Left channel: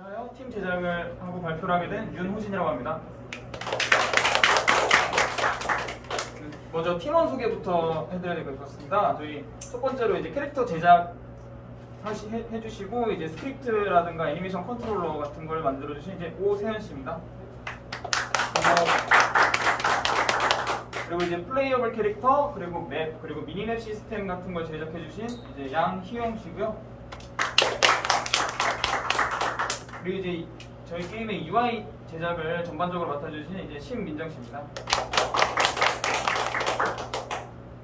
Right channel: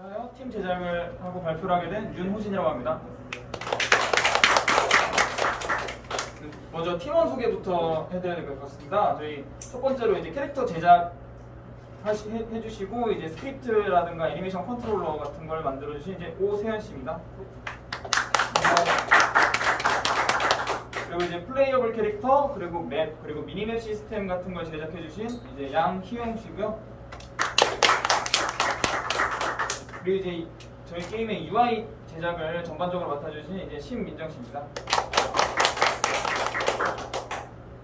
하여 팀 제작을 하고 발표를 하게 된 윤호진이라고 합니다. 먼저 팀원 소개부터 해드려야 될 것 같습니다. 저희 첫 번째로 이제 캐릭터 제작 해주시고 이제 스크립트라든가 애니메이션 컨트롤러 같은 걸 만들어주신 이제 오세현 씨입니다. 그리고 이제 플레이어블 캐릭터 그리고 맵 그리고 미니맵 시스템 같은 걸 제작해주신 이제 양희영 씨고요. 그리고 이제 저희 게임의 UI 제작을 전반적으로 맡아주신 이제 신민정 씨입니다.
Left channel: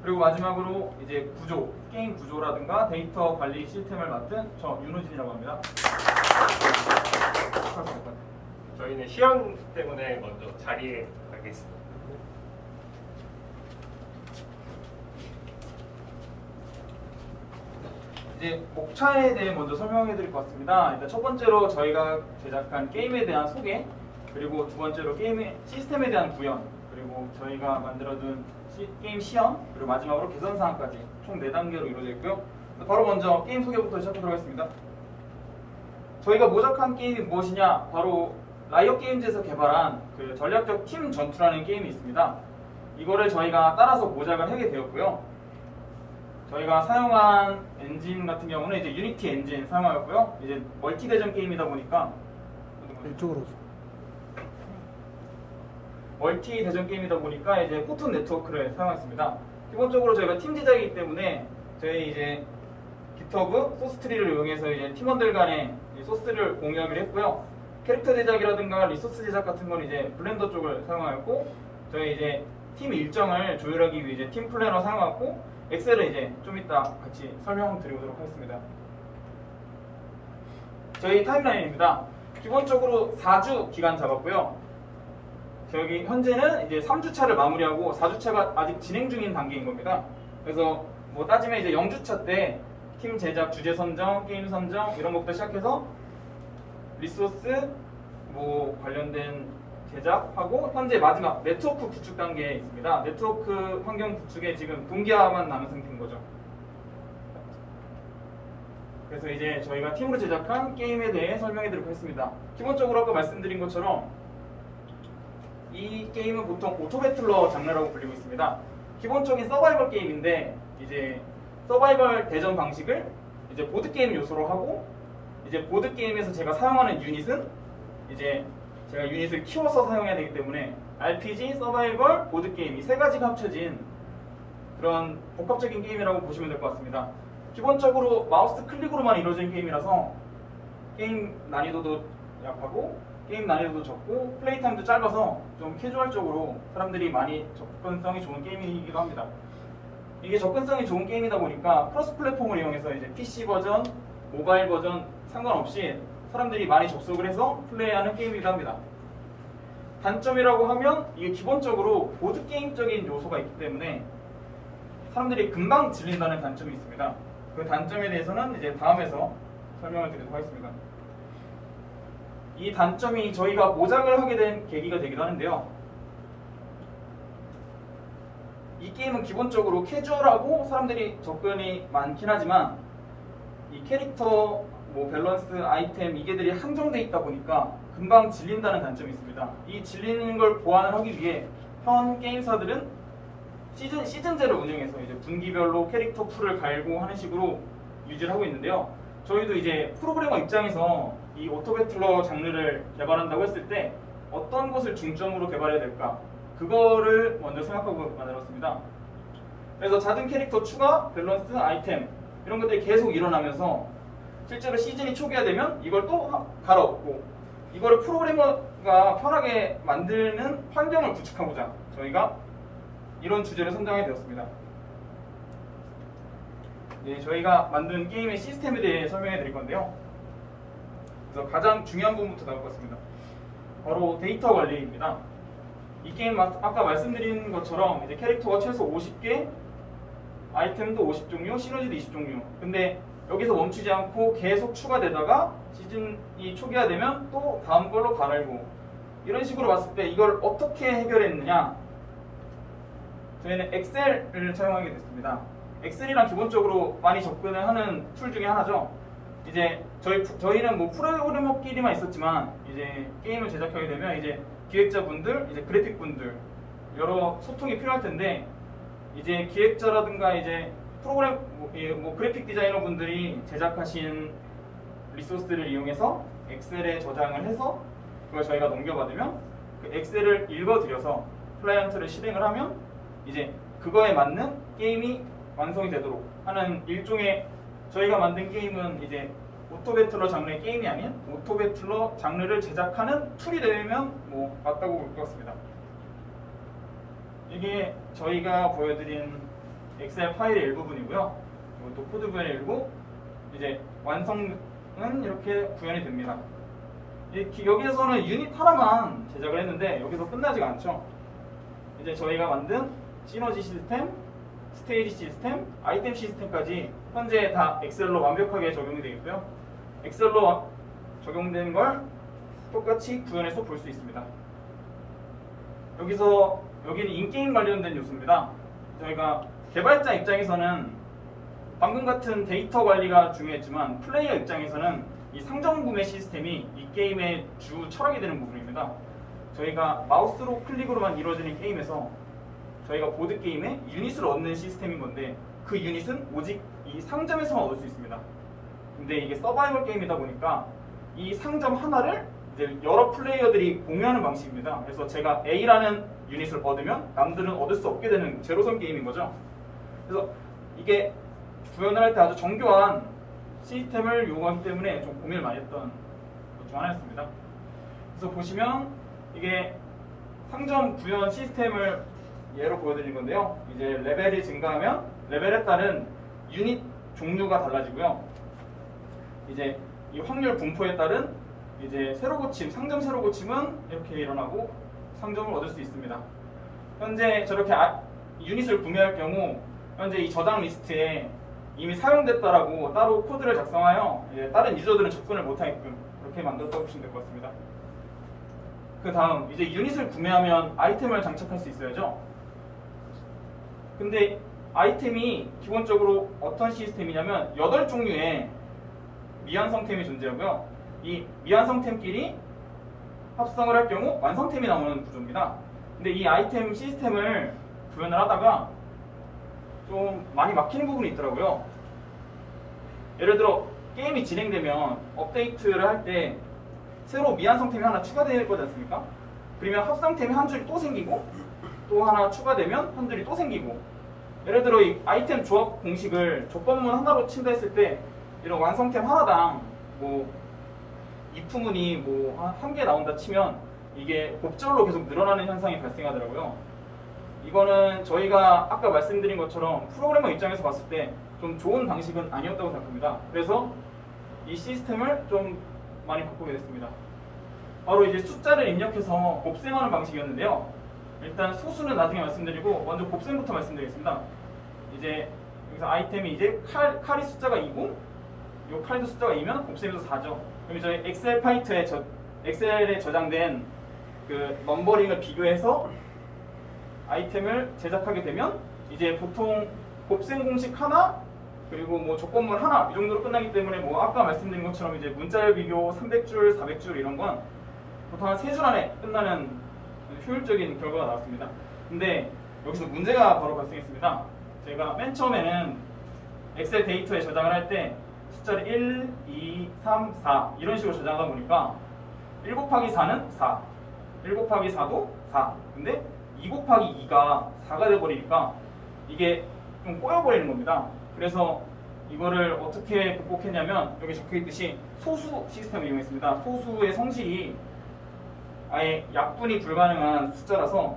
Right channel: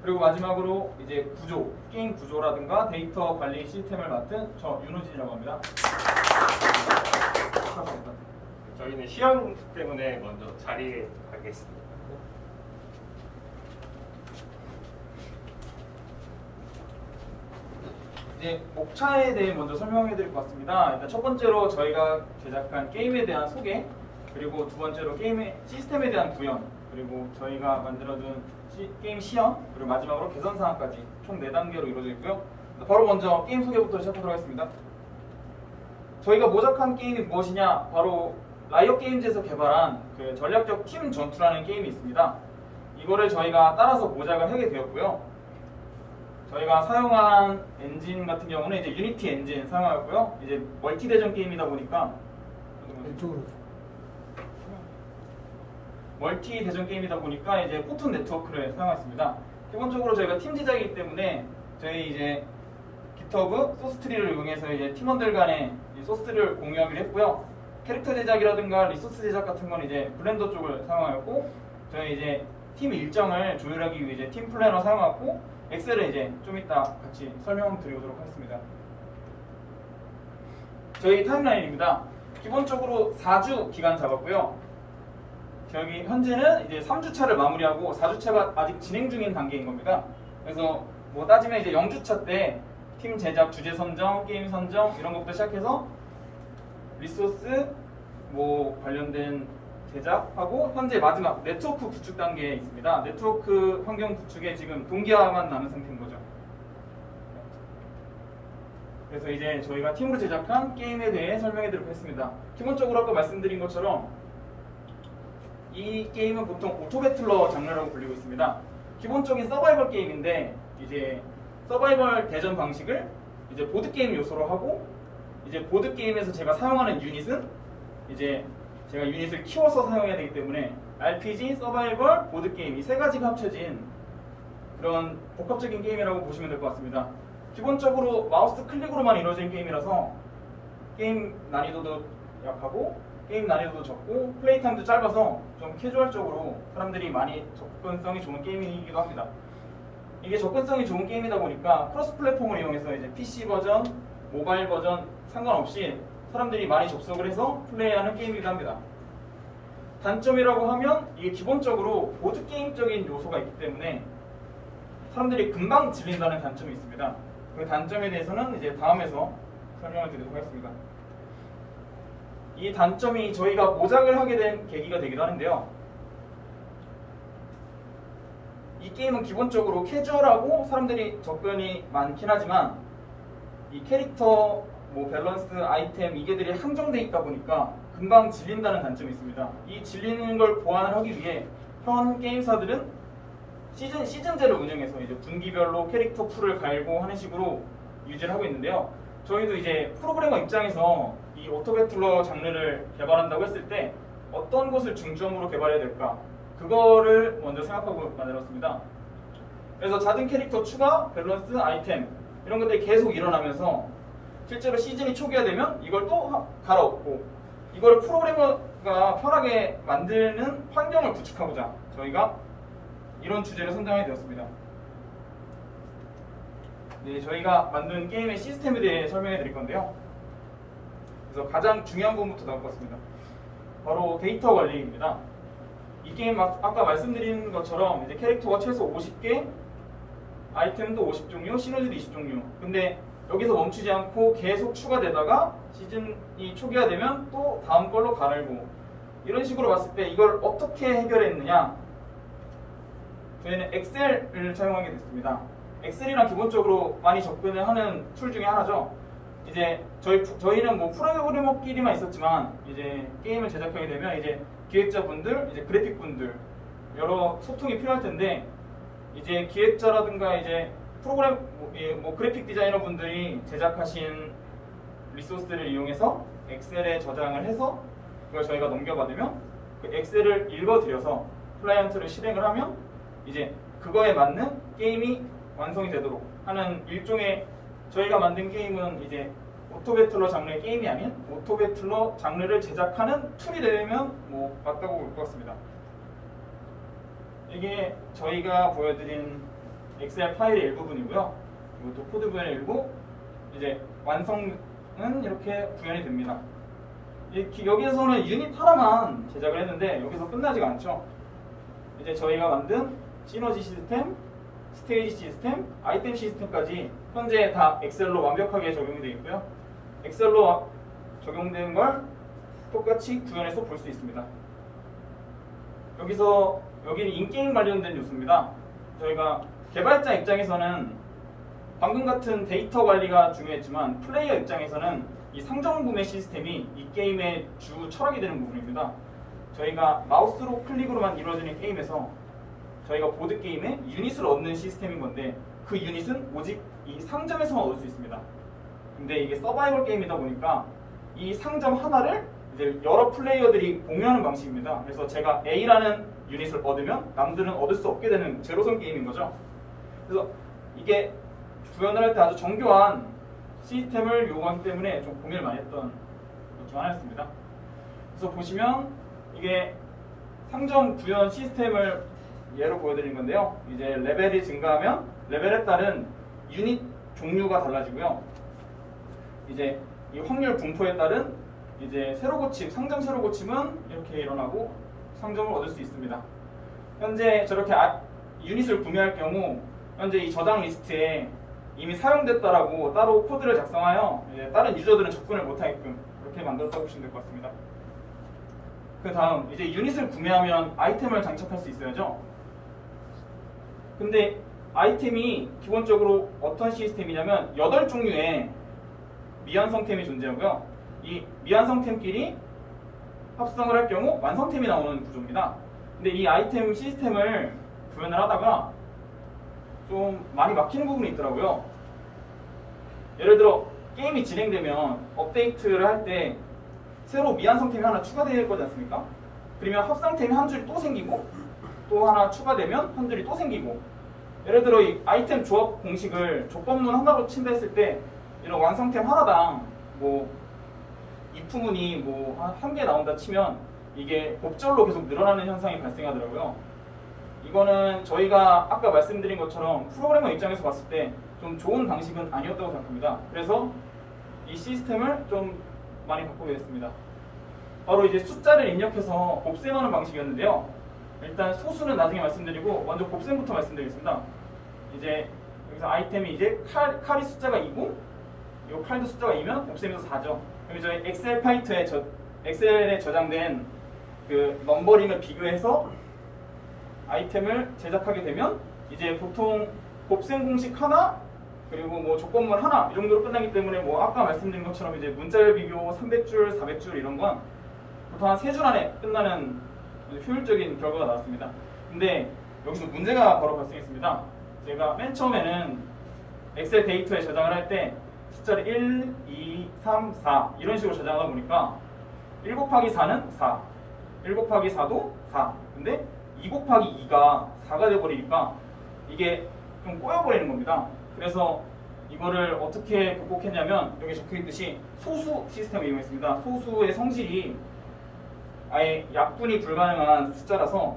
그리고 마지막으로 이제 게임 구조라든가 데이터 관리 시스템을 맡은 저 윤호진이라고 합니다. 저희는 시험 때문에 먼저 자리에 가겠습니다. 이제 목차에 대해 먼저 설명해 드릴 것 같습니다. 일단 첫 번째로 저희가 제작한 게임에 대한 소개, 그리고 두 번째로 게임의 시스템에 대한 구현, 그리고 저희가 만들어둔 게임 시험, 그리고 마지막으로 개선 사항까지 총 4단계로 이루어져 있고요. 바로 먼저 게임 소개부터 시작하도록 하겠습니다. 저희가 모작한 게임이 무엇이냐? 바로 라이엇 게임즈에서 개발한 그 전략적 팀 전투라는 게임이 있습니다. 이거를 저희가 따라서 모작을 하게 되었고요. 저희가 사용한 엔진 같은 경우는 이제 유니티 엔진 사용하였고요. 이제 멀티 대전 게임이다 보니까 왼쪽으로 멀티 대전 게임이다 보니까 이제 포톤 네트워크를 사용했습니다. 기본적으로 저희가 팀 제작이기 때문에 저희 이제 깃허브 소스 트리를 이용해서 이제 팀원들 간에 소스를 공유하기로 했고요. 캐릭터 제작이라든가 리소스 제작 같은 건 이제 블렌더 쪽을 사용하였고, 저희 이제 팀 일정을 조율하기 위해 이제 팀 플래너 사용하고, 엑셀을 이제 좀 이따 같이 설명드리도록 하겠습니다. 저희 타임라인입니다. 기본적으로 4주 기간 잡았고요. 저기 현재는 이제 3주차를 마무리하고 4주차가 아직 진행 중인 단계인 겁니다. 그래서 뭐 따지면 이제 0주차 때 팀 제작, 주제 선정, 게임 선정 이런 것부터 시작해서 리소스 뭐 관련된 제작하고 현재 마지막 네트워크 구축 단계에 있습니다. 네트워크 환경 구축에 지금 동기화만 남은 상태인 거죠. 그래서 이제 저희가 팀으로 제작한 게임에 대해 설명해 드리도록 하겠습니다. 기본적으로 아까 말씀드린 것처럼 이 게임은 보통 오토배틀러 장르라고 불리고 있습니다. 기본적인 서바이벌 게임인데 이제 서바이벌 대전 방식을 이제 보드게임 요소로 하고, 이제 보드게임에서 제가 사용하는 유닛은 이제 제가 유닛을 키워서 사용해야 되기 때문에 RPG, 서바이벌, 보드게임 이 세 가지가 합쳐진 그런 복합적인 게임이라고 보시면 될 것 같습니다. 기본적으로 마우스 클릭으로만 이루어진 게임이라서 게임 난이도도 약하고 게임 난이도도 적고 플레이 타임도 짧아서 좀 캐주얼적으로 사람들이 많이 접근성이 좋은 게임이기도 합니다. 이게 접근성이 좋은 게임이다 보니까 크로스 플랫폼을 이용해서 이제 PC 버전, 모바일 버전 상관없이 사람들이 많이 접속을 해서 플레이하는 게임이기도 합니다. 단점이라고 하면 이게 기본적으로 보드게임적인 요소가 있기 때문에 사람들이 금방 질린다는 단점이 있습니다. 그 단점에 대해서는 이제 다음에서 설명을 드리도록 하겠습니다. 이 단점이 저희가 모작을 하게 된 계기가 되기도 하는데요. 이 게임은 기본적으로 캐주얼하고 사람들이 접근이 많긴 하지만 이 캐릭터, 뭐 밸런스, 아이템 이게들이 한정돼 있다 보니까 금방 질린다는 단점이 있습니다. 이 질리는 걸 보완을 하기 위해 현 게임사들은 시즌제를 운영해서 이제 분기별로 캐릭터 풀을 갈고 하는 식으로 유지를 하고 있는데요. 저희도 이제 프로그래머 입장에서 이 오토배틀러 장르를 개발한다고 했을 때 어떤 것을 중점으로 개발해야 될까? 그거를 먼저 생각하고 만들었습니다. 그래서 잦은 캐릭터 추가, 밸런스, 아이템 이런 것들이 계속 일어나면서 실제로 시즌이 초기화되면 이걸 또 갈아엎고 이걸 프로그래머가 편하게 만드는 환경을 구축하고자 저희가 이런 주제를 선정하게 되었습니다. 네, 저희가 만든 게임의 시스템에 대해 설명해 드릴 건데요. 그래서 가장 중요한 부분부터 나올 것 같습니다. 바로 데이터 관리입니다. 이 게임 아까 말씀드린 것처럼 이제 캐릭터가 최소 50개, 아이템도 50종류, 시너지도 20종류. 근데 여기서 멈추지 않고 계속 추가되다가 시즌이 초기화되면 또 다음 걸로 갈아고 이런 식으로 봤을 때 이걸 어떻게 해결했느냐? 저희는 엑셀을 사용하게 됐습니다. 엑셀이랑 기본적으로 많이 접근을 하는 툴 중에 하나죠. 이제 저희는 뭐 프로그래머끼리만 있었지만 이제 게임을 제작하게 되면 이제 기획자분들, 이제 그래픽분들 여러 소통이 필요할 텐데 이제 기획자라든가 이제 프로그램 뭐 그래픽 디자이너 분들이 제작하신 리소스를 이용해서 엑셀에 저장을 해서 그걸 저희가 넘겨받으면 그 엑셀을 읽어드려서 클라이언트를 실행을 하면 이제 그거에 맞는 게임이 완성이 되도록 하는 일종의 저희가 만든 게임은 이제 오토배틀러 장르의 게임이 아닌 오토배틀러 장르를 제작하는 툴이 되면 뭐 맞다고 볼 것 같습니다. 이게 저희가 보여드린 엑셀 파일의 일부분이고요. 이것도 코드 구현의 일부. 이제 완성은 이렇게 구현이 됩니다. 여기에서는 유닛 하나만 제작을 했는데 여기서 끝나지가 않죠. 이제 저희가 만든 시너지 시스템, 스테이지 시스템, 아이템 시스템까지 현재 다 엑셀로 완벽하게 적용이 되어 있고요. 엑셀로 적용된 걸 똑같이 구현해서 볼 수 있습니다. 여기는 인게임 관련된 요소입니다. 저희가 개발자 입장에서는 방금 같은 데이터 관리가 중요했지만 플레이어 입장에서는 이 상점 구매 시스템이 이 게임의 주 철학이 되는 부분입니다. 저희가 마우스로 클릭으로만 이루어지는 게임에서 저희가 보드게임에 유닛을 얻는 시스템인 건데 그 유닛은 오직 이 상점에서만 얻을 수 있습니다. 근데 이게 서바이벌 게임이다 보니까 이 상점 하나를 이제 여러 플레이어들이 공유하는 방식입니다. 그래서 제가 A라는 유닛을 얻으면 남들은 얻을 수 없게 되는 제로섬 게임인 거죠. 그래서 이게 구현을 할 때 아주 정교한 시스템을 요구하기 때문에 좀 고민을 많이 했던 것 중 하나였습니다. 그래서 보시면 이게 상점 구현 시스템을 예로 보여드린 건데요. 이제 레벨이 증가하면 레벨에 따른 유닛 종류가 달라지고요. 이제 이 확률 분포에 따른 이제 새로 고침, 상점 새로 고침은 이렇게 일어나고 상점을 얻을 수 있습니다. 현재 저렇게 유닛을 구매할 경우 현재 이 저장 리스트에 이미 사용됐다라고 따로 코드를 작성하여 다른 유저들은 접근을 못하게끔 그렇게 만들었다고 보시면 될 것 같습니다. 그 다음 이제 유닛을 구매하면 아이템을 장착할 수 있어야죠. 근데 아이템이 기본적으로 어떤 시스템이냐면 8종류의 미완성템이 존재하고요. 이 미완성템끼리 합성을 할 경우 완성템이 나오는 구조입니다. 근데 이 아이템 시스템을 구현을 하다가 좀 많이 막히는 부분이 있더라고요. 예를 들어 게임이 진행되면 업데이트를 할 때 새로 미완성템이 하나 추가될 거지 않습니까? 그러면 합성템이 한 줄이 또 생기고 또 하나 추가되면 한 줄이 또 생기고 예를 들어 이 아이템 조합 공식을 조건문 하나로 친다 했을 때 이런 완성템 하나당 뭐 if문이 뭐 한 개 나온다 치면 이게 곱절로 계속 늘어나는 현상이 발생하더라고요. 이거는 저희가 아까 말씀드린 것처럼 프로그래머 입장에서 봤을 때 좀 좋은 방식은 아니었다고 생각합니다. 그래서 이 시스템을 좀 많이 바꾸게 됐습니다. 바로 이제 숫자를 입력해서 곱셈하는 방식이었는데요. 일단 소수는 나중에 말씀드리고 먼저 곱셈부터 말씀드리겠습니다. 이제 여기서 아이템이 이제 칼이 숫자가 2고 이 칼도 숫자가 2면 곱셈에서 4죠. 그럼 저희 엑셀에 저장된 그 넘버링을 비교해서 아이템을 제작하게 되면 이제 보통 곱셈 공식 하나 그리고 뭐 조건문 하나 이 정도로 끝나기 때문에 뭐 아까 말씀드린 것처럼 이제 문자열 비교 300줄, 400줄 이런 건 보통 한 3줄 안에 끝나는 효율적인 결과가 나왔습니다. 근데 여기서 문제가 바로 발생했습니다. 제가 맨 처음에는 엑셀 데이터에 저장을 할 때 숫자를 1, 2, 3, 4 이런 식으로 저장하다 보니까 1 곱하기 4는 4, 1 곱하기 4도 4. 근데 2 곱하기 2가 4가 돼버리니까 이게 좀 꼬여버리는 겁니다. 그래서 이거를 어떻게 극복했냐면 여기 적혀있듯이 소수 시스템을 이용했습니다. 소수의 성질이 아예 약분이 불가능한 숫자라서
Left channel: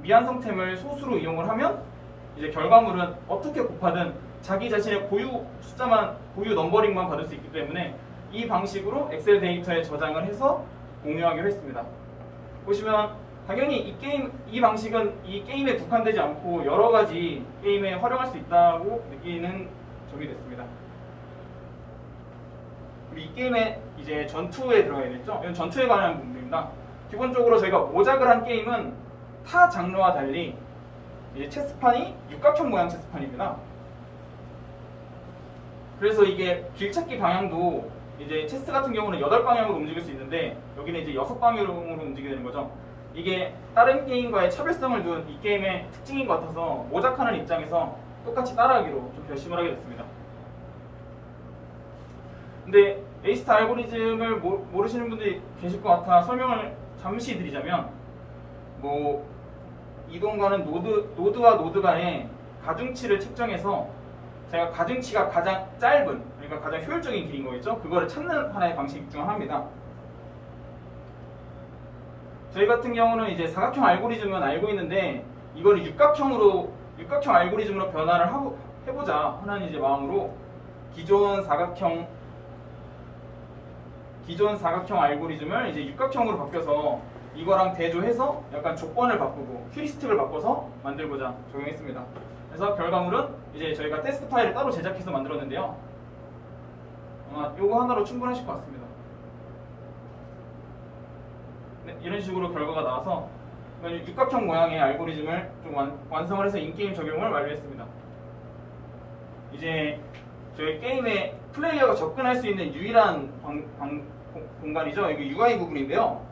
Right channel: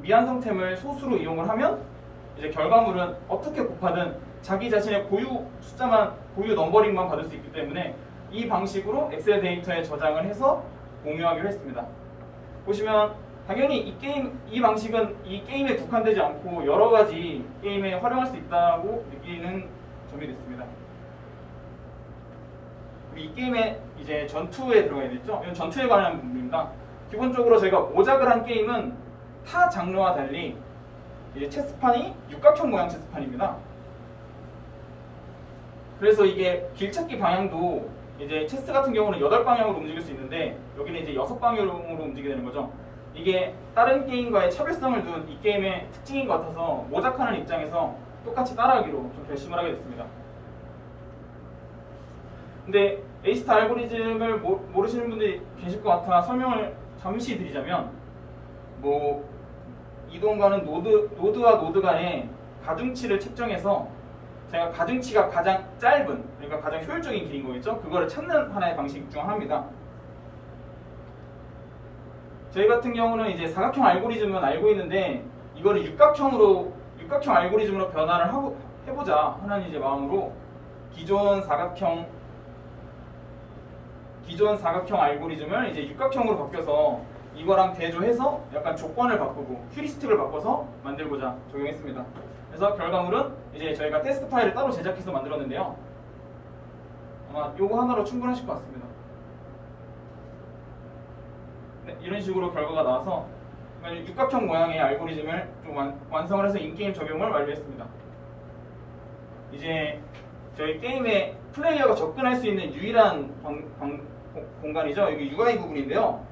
미완성템을 소수로 이용을 하면 이제 결과물은 어떻게 곱하든 자기 자신의 고유 숫자만, 고유 넘버링만 받을 수 있기 때문에 이 방식으로 엑셀 데이터에 저장을 해서 공유하기로 했습니다. 보시면 당연히 이 방식은 이 게임에 국한되지 않고 여러 가지 게임에 활용할 수 있다고 느끼는 점이 됐습니다. 이 게임에 이제 전투에 들어가 있죠. 이건 전투에 관한 부분입니다. 기본적으로 저희가 모작을 한 게임은 타 장르와 달리 이제 체스판이 육각형 모양 체스판입니다. 그래서 이게 길찾기 방향도 이제 체스 같은 경우는 8방향으로 움직일 수 있는데 여기는 이제 6방향으로 움직이게 되는 거죠. 이게 다른 게임과의 차별성을 둔 이 게임의 특징인 것 같아서 모작하는 입장에서 똑같이 따라하기로 좀 결심을 하게 됐습니다. 근데 에이스타 알고리즘을 모르시는 분들이 계실 것 같아 설명을 잠시 드리자면, 뭐 이동가는 노드와 노드 간의 가중치를 측정해서 제가 가중치가 가장 짧은, 그러니까 가장 효율적인 길인 거겠죠? 그거를 찾는 하나의 방식 중 하나입니다. 저희 같은 경우는 이제 사각형 알고리즘은 알고 있는데 이거를 육각형 알고리즘으로 변화를 해보자 하는 이제 마음으로 기존 사각형 알고리즘을 이제 육각형으로 바뀌어서 이거랑 대조해서 약간 조건을 바꾸고 휴리스틱을 바꿔서 만들고자 적용했습니다. 그래서 결과물은 이제 저희가 테스트 파일을 따로 제작해서 만들었는데요. 아마 이거 하나로 충분하실 것 같습니다. 네, 이런 식으로 결과가 나와서 육각형 모양의 알고리즘을 좀 완성을 해서 인게임 적용을 완료했습니다. 이제 저희 게임에 플레이어가 접근할 수 있는 유일한 공간이죠. 이게 UI 부분인데요.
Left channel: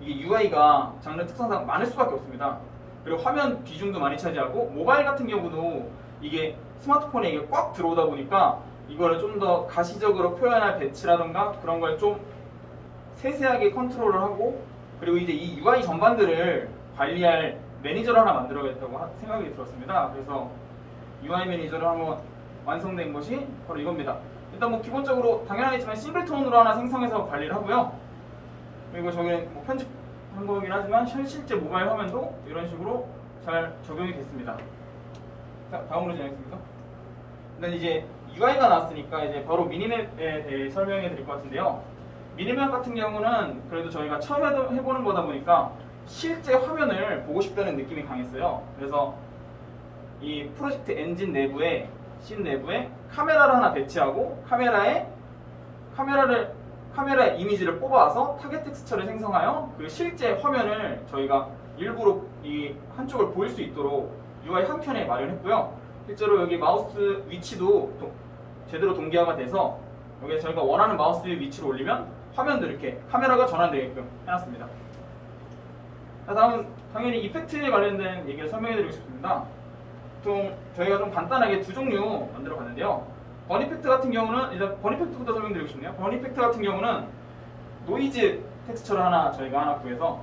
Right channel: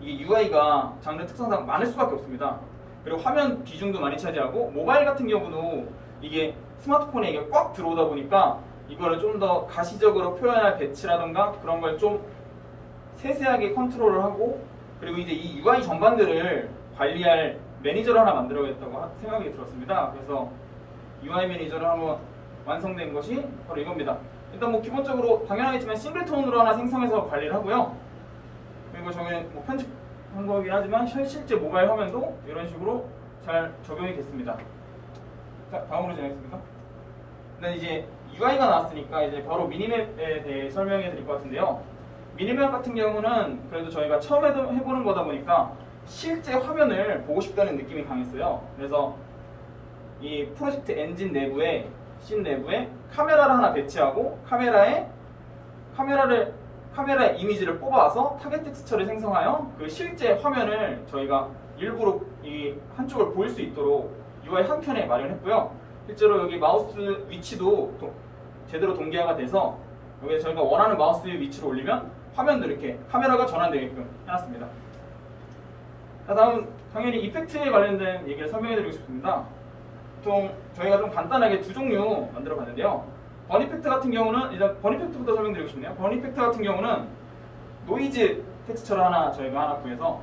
이게 UI가 장르 특성상 많을 수밖에 없습니다. 그리고 화면 비중도 많이 차지하고 모바일 같은 경우도 이게 스마트폰에 이게 꽉 들어오다 보니까 이거를 좀 더 가시적으로 표현할 배치라던가 그런 걸 좀 세세하게 컨트롤을 하고, 그리고 이제 이 UI 전반들을 관리할 매니저를 하나 만들어야겠다고 생각이 들었습니다. 그래서 UI 매니저를 한번 완성된 것이 바로 이겁니다. 일단 뭐 기본적으로 당연하겠지만 싱글톤으로 하나 생성해서 관리를 하고요. 그리고 저게 뭐 편집한 거긴 하지만 실제 모바일 화면도 이런 식으로 잘 적용이 됐습니다. 다음으로 진행하겠습니다. 일단 이제 UI가 나왔으니까 이제 바로 미니맵에 대해 설명해 드릴 것 같은데요. 미니맵 같은 경우는 그래도 저희가 처음 해보는 거다 보니까 실제 화면을 보고 싶다는 느낌이 강했어요. 그래서 이 프로젝트 엔진 내부에 씬 내부에 카메라를 하나 배치하고 카메라 이미지를 뽑아서 타겟 텍스처를 생성하여 그 실제 화면을 저희가 일부러 이 한쪽을 보일 수 있도록 UI 한 켠에 마련했고요. 실제로 여기 마우스 위치도 제대로 동기화가 돼서 여기 저희가 원하는 마우스 위치로 올리면 화면도 이렇게 카메라가 전환되게끔 해놨습니다. 자, 다음 당연히 이펙트에 관련된 얘기를 설명해드리고 싶습니다. 보통 저희가 좀 간단하게 두 종류 만들어 봤는데요. 버니펙트 같은 경우는 일단 버니펙트부터 설명드리고 싶네요. 버니펙트 같은 경우는 노이즈 텍스처를 저희가 하나 구해서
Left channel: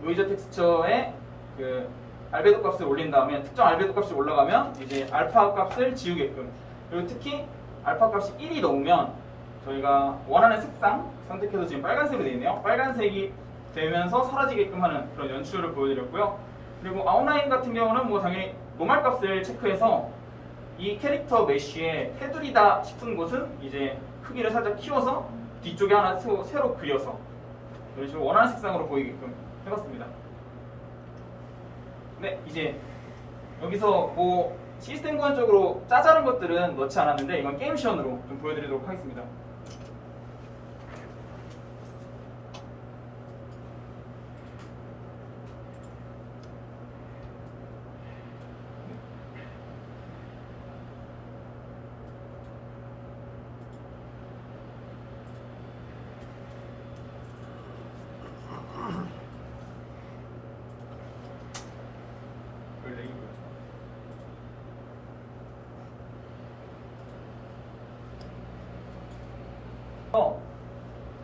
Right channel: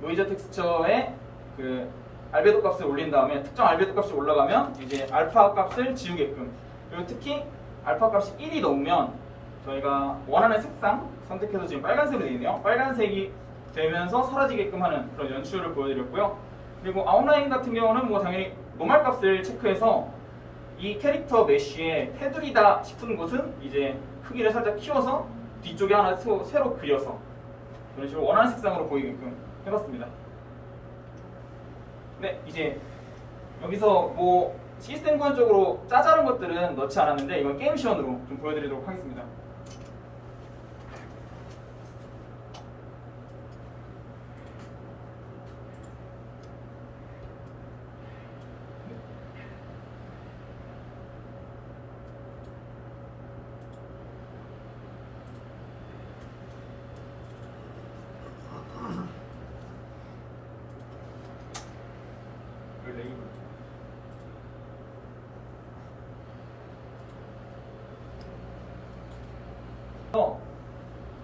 노이즈 텍스처에 그 알베도 값을 올린 다음에 특정 알베도 값이 올라가면 이제 알파 값을 지우게끔, 그리고 특히 알파 값이 1이 넘으면 저희가 원하는 색상 선택해서 지금 빨간색으로 되어 있네요. 빨간색이 되면서 사라지게끔 하는 그런 연출을 보여드렸고요. 그리고 아웃라인 같은 경우는 뭐 당연히 노멀 값을 체크해서 이 캐릭터 메쉬에 테두리다 싶은 곳은 이제 크기를 살짝 키워서 뒤쪽에 하나 새로 그려서 이런 식으로 원하는 색상으로 보이게끔 해봤습니다. 네, 이제 여기서 뭐 시스템 구현적으로 짜잘한 것들은 넣지 않았는데 이건 게임 시연으로 좀 보여드리도록 하겠습니다.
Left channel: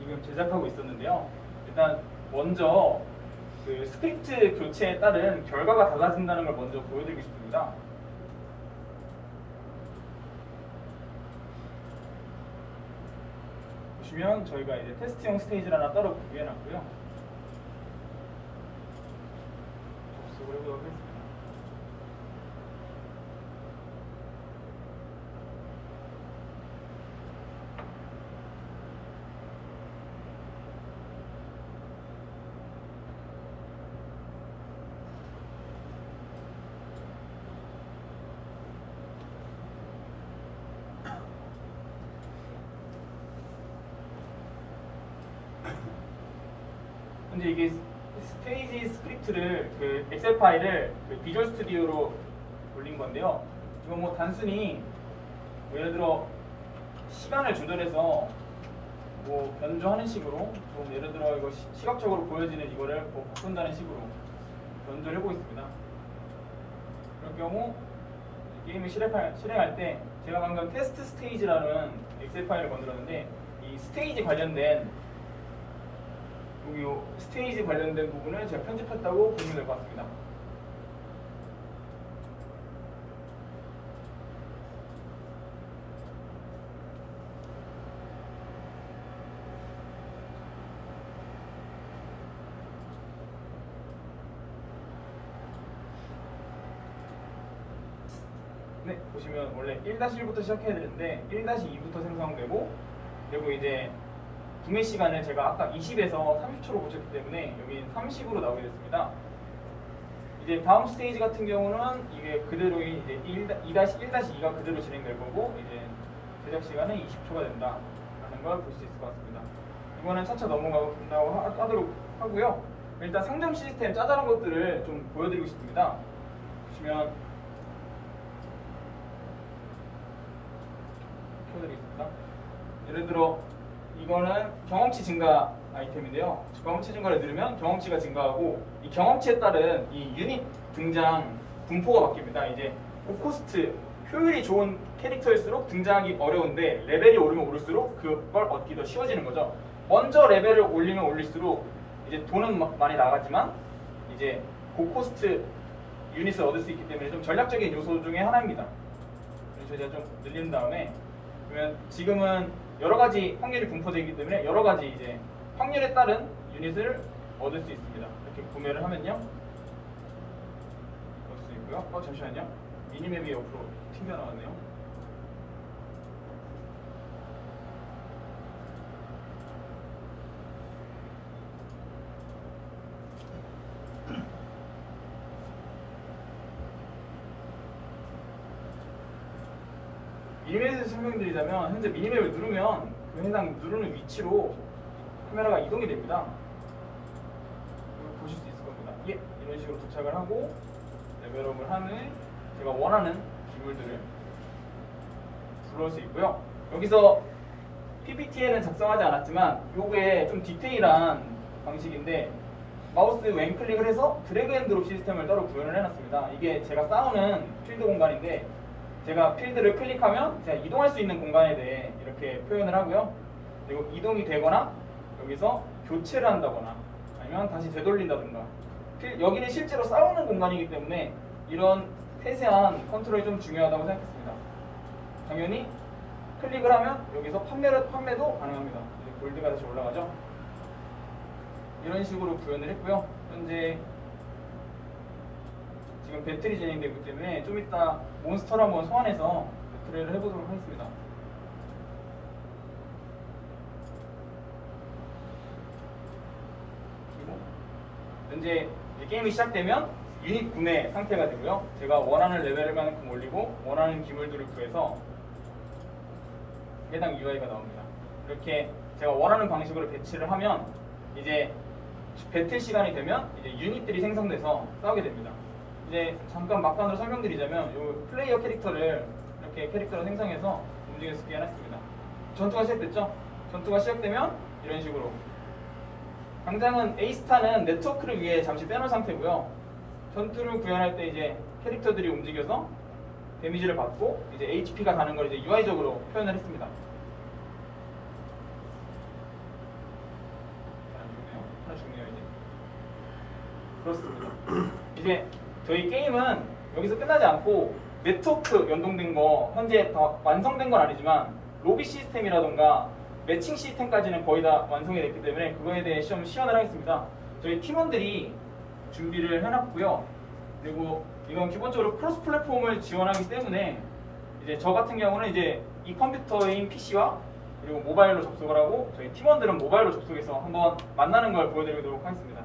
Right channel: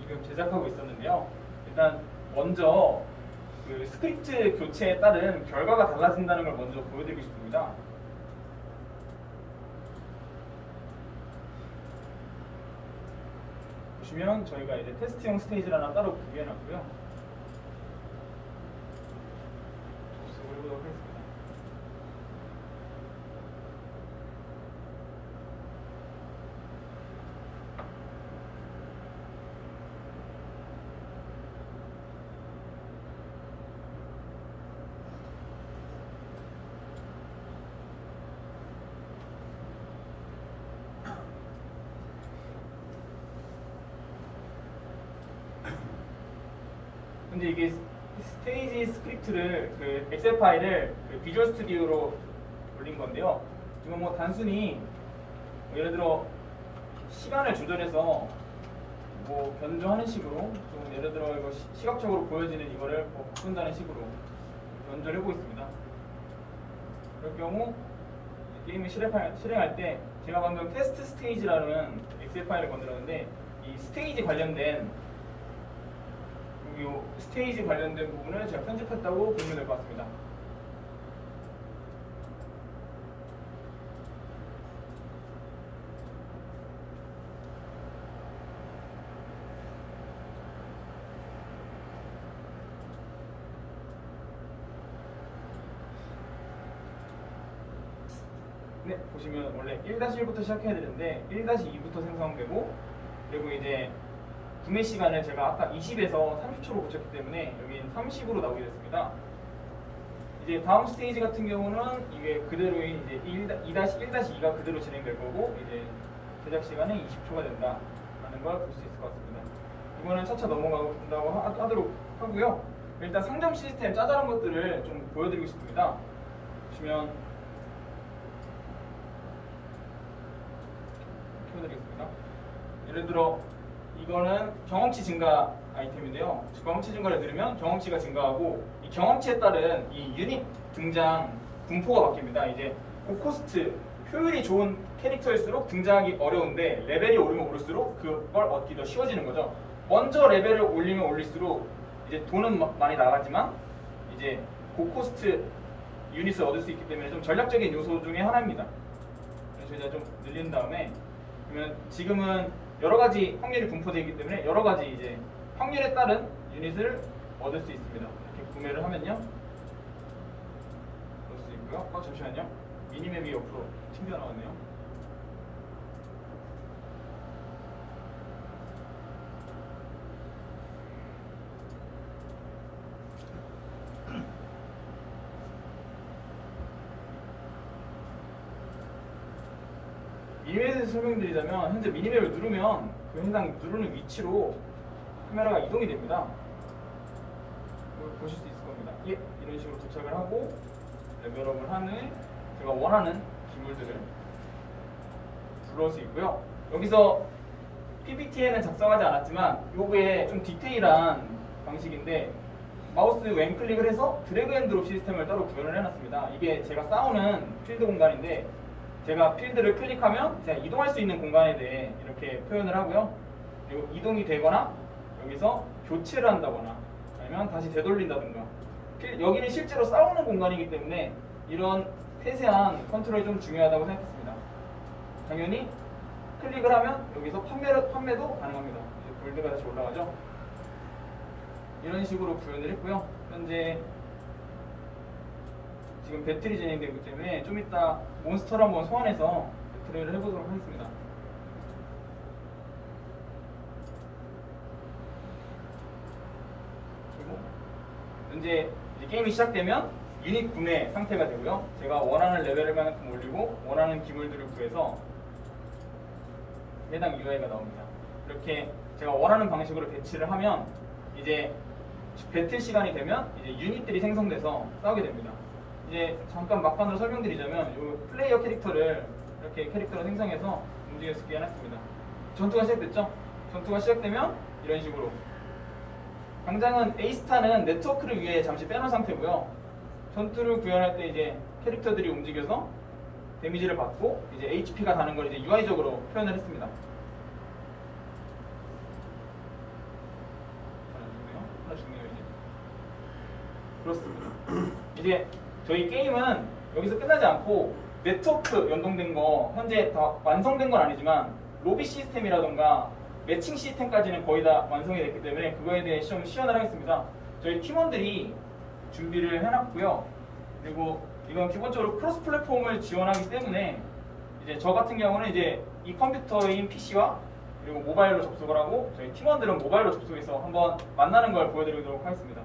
이걸 제작하고 있었는데요. 일단 먼저 그 스크립트 교체에 따른 결과가 달라진다는 걸 먼저 보여드리고 싶습니다. 보시면 저희가 이제 테스트용 스테이지를 하나 따로 구비해놨고요. 시작을 해보도록 하겠습니다. 근데 이게 스테이지 스크립트를 엑셀 파일을 비주얼 스튜디오로 올린 건데요. 이건 뭐 단순히 예를 들어 시간을 조절해서 뭐 변조하는 식으로 좀 예를 들어 이거 시각적으로 보여지는 이거를 뭐 바꾼다는 식으로 연주를 해보겠습니다. 그럴 경우 게임을 실행할 때 제가 방금 테스트 스테이지라는 엑셀 파일을 만들었는데 이 스테이지 관련된 여기 스테이지 관련된 부분을 제가 편집했다고 보시면 될 것 같습니다. 네, 보시면 원래 1-1부터 시작해야 되는데 1-2부터 생성되고 그리고 이제 구매 시간을 제가 아까 20에서 30초로 고쳤기 때문에 여기는 30으로 나오게 됐습니다. 이제 다음 스테이지 같은 경우는 이게 그대로인 이제 2-1-2가 그대로 진행될 거고 이제 제작 시간은 20초가 된다 하는 걸 볼 수 있을 것 같습니다. 이거는 차차 넘어간다고 하도록 하고요. 일단 상점 시스템 짜잘한 것들을 좀 보여드리고 싶습니다. 보시면 보여드리겠습니다. 예를 들어 이거는 경험치 증가 아이템인데요. 경험치 증가를 누르면 경험치가 증가하고 이 경험치에 따른 이 유닛 등장 분포가 바뀝니다. 이제 고코스트 효율이 좋은 캐릭터일수록 등장하기 어려운데 레벨이 오르면 오를수록 그걸 얻기 더 쉬워지는 거죠. 먼저 레벨을 올리면 올릴수록 이제 돈은 많이 나가지만 이제 고코스트 유닛을 얻을 수 있기 때문에 좀 전략적인 요소 중에 하나입니다. 그래서 이제 좀 늘린 다음에 그러면 지금은 여러 가지 확률이 분포되기 때문에 여러 가지 이제 확률에 따른 유닛을 얻을 수 있습니다. 이렇게 구매를 하면요. 얻을 수 있고요. 잠시만요. 미니맵이 옆으로 튕겨 나왔네요. 미니맵에서 설명드리자면 현재 미니맵을 누르면 그 해당 누르는 위치로 카메라가 이동이 됩니다. 이거 보실 수 있을 겁니다. 예, 이런 식으로 도착을 하고 레벨업을 하는 제가 원하는 기물들을 들어올 수 있고요. 여기서 PPT에는 작성하지 않았지만 요게 좀 디테일한 방식인데 마우스 왼클릭을 해서 드래그 앤 드롭 시스템을 따로 구현을 해놨습니다. 이게 제가 싸우는 필드 공간인데 제가 필드를 클릭하면 제가 이동할 수 있는 공간에 대해 이렇게 표현을 하고요. 그리고 이동이 되거나 여기서 교체를 한다거나 아니면 다시 되돌린다든가 여기는 실제로 싸우는 공간이기 때문에 이런 세세한 컨트롤이 좀 중요하다고 생각했습니다. 당연히 클릭을 하면 여기서 판매도 가능합니다. 이제 골드가 다시 올라가죠. 이런 식으로 구현을 했고요. 현재 지금 배틀이 진행되기 때문에 좀 이따 몬스터를 한번 소환해서 배틀을 해보도록 하겠습니다. 그리고 현재 게임이 시작되면 유닛 구매 상태가 되고요. 제가 원하는 레벨만큼 올리고 원하는 기물들을 구해서 해당 UI가 나옵니다. 이렇게 제가 원하는 방식으로 배치를 하면 이제 배틀 시간이 되면 이제 유닛들이 생성돼서 싸우게 됩니다. 이제 잠깐 막판으로 설명드리자면 이 플레이어 캐릭터를 이렇게 캐릭터를 생성해서 움직일 수 있게 해놨습니다. 전투가 시작됐죠? 전투가 시작되면 이런 식으로 당장은 A스타는 네트워크를 위해 잠시 빼놓은 상태고요. 전투를 구현할 때 이제 캐릭터들이 움직여서 데미지를 받고 이제 HP가 가는 걸 이제 UI적으로 표현을 했습니다. 하나 중요해요 이제. 그렇습니다. 이제 저희 게임은 여기서 끝나지 않고 네트워크 연동된 거 현재 다 완성된 건 아니지만 로비 시스템이라던가 매칭 시스템까지는 거의 다 완성이 됐기 때문에 그거에 대해 시연을 하겠습니다. 저희 팀원들이 준비를 해놨고요. 그리고 이건 기본적으로 크로스 플랫폼을 지원하기 때문에 이제 저 같은 경우는 이제 이 컴퓨터인 PC와 그리고 모바일로 접속을 하고 저희 팀원들은 모바일로 접속해서 한번 만나는 걸 보여드리도록 하겠습니다.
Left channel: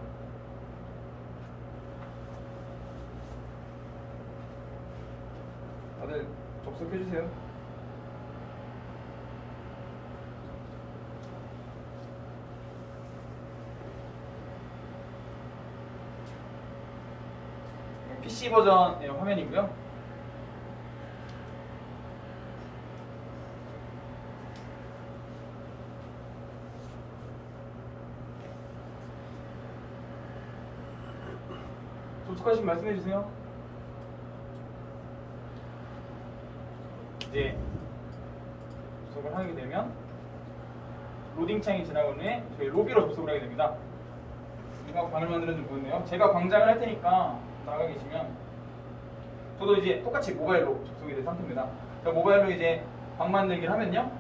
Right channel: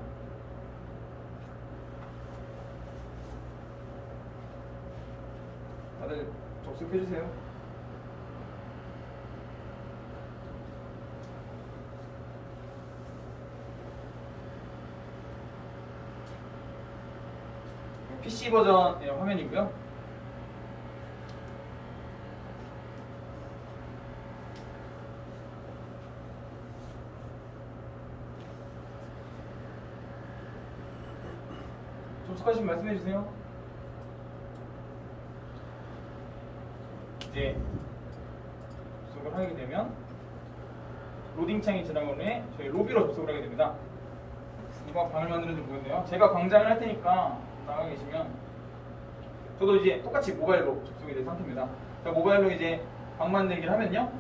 다들 접속해주세요. PC 버전의 화면이고요. 익숙하신 말씀해 주세요. 이제 접속을 하게 되면 로딩 창이 지나간 후에 저희 로비로 접속을 하게 됩니다. 누가 방을 만드는지 모르겠네요. 제가 방장을 할 테니까 나가 계시면 저도 이제 똑같이 모바일로 접속이 된 상태입니다. 제가 모바일로 이제 방 만들기를 하면요.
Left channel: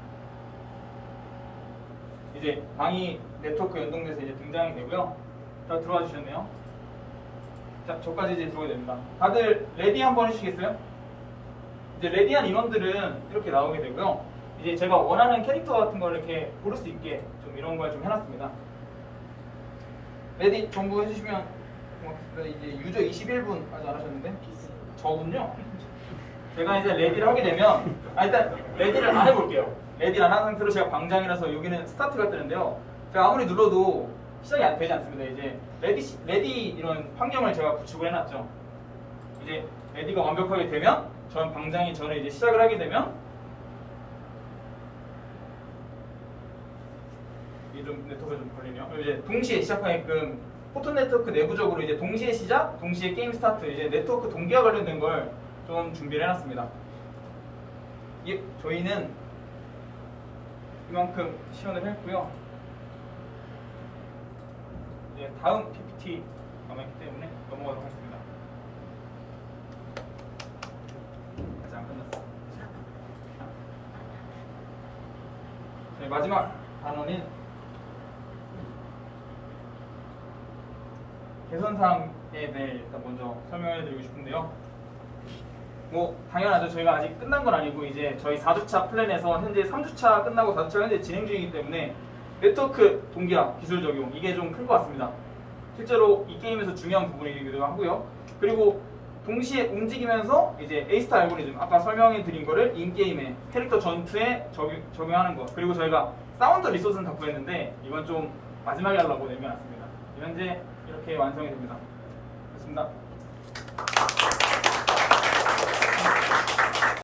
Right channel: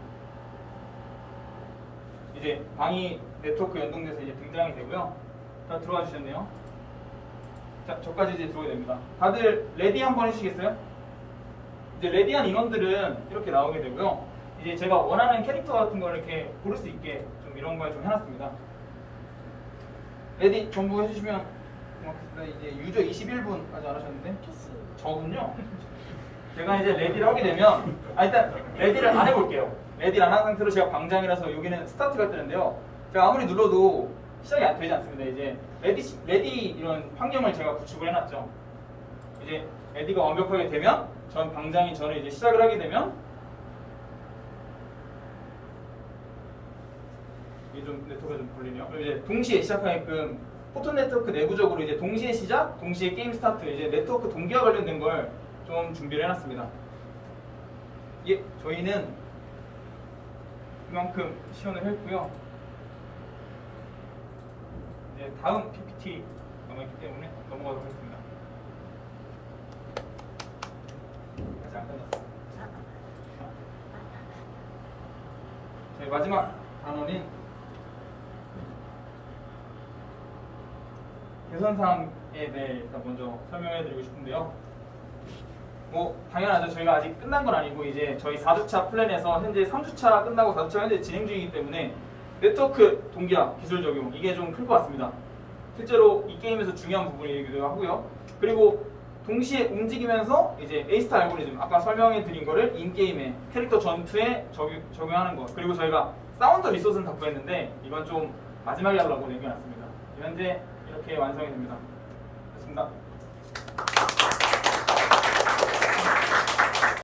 이제 방이 네트워크 연동돼서 이제 등장이 되고요. 다 들어와 주셨네요. 자, 저까지 이제 들어오게 됩니다. 다들 레디 한번 해주시겠어요? 이제 레디한 인원들은 이렇게 나오게 되고요. 이제 제가 원하는 캐릭터 같은 걸 이렇게 고를 수 있게 좀 이런 걸 좀 해놨습니다. 레디 전부 해주시면 고맙습니다. 이제 유저 21분 아직 안 하셨는데 저군요. 제가 이제 레디를 하게 되면 일단 레디를 안 해볼게요. 레디를 안 한 상태로 제가 방장이라서 여기는 스타트가 뜨는데요. 제가 아무리 눌러도 시작이 안 되지 않습니다. 이제 레디 이런 환경을 제가 구축을 해놨죠. 이제 레디가 완벽하게 되면 전 방장이 저는 이제 시작을 하게 되면 이게 좀 네트워크가 좀 걸리네요. 그리고 이제 동시에 시작하게끔 포토 네트워크 내부적으로 이제 동시에 시작, 동시에 게임 스타트, 이제 네트워크 동기화 관련된 걸 좀 준비를 해놨습니다. 이게 저희는 이만큼 시연을 했고요. 이제 다음 PPT 남았기 때문에 넘어가도록 하겠습니다. 아직 안 끝났어요. 저희 마지막 단어는 개선사항에 대해 일단 먼저 설명해드리고 싶은데요. 뭐 당연하죠. 저희가 아직 끝난 건 아니고 이제 저희 4주차 플랜에서 현재 3주차 끝나고 4주차 현재 진행 중이기 때문에 네트워크 동기화 기술 적용 이게 좀 클 것 같습니다. 실제로 이 게임에서 중요한 부분이기도 하고요. 그리고 동시에 움직이면서 이제 A스타 알고리즘 아까 설명해 드린 거를 인게임에 캐릭터 전투에 적용하는 것, 그리고 저희가 사운드 리소스는 다 구했는데 이건 좀 마지막에 하려고 내겨놨습니다. 현재 이렇게 완성이 됩니다. 됐습니다.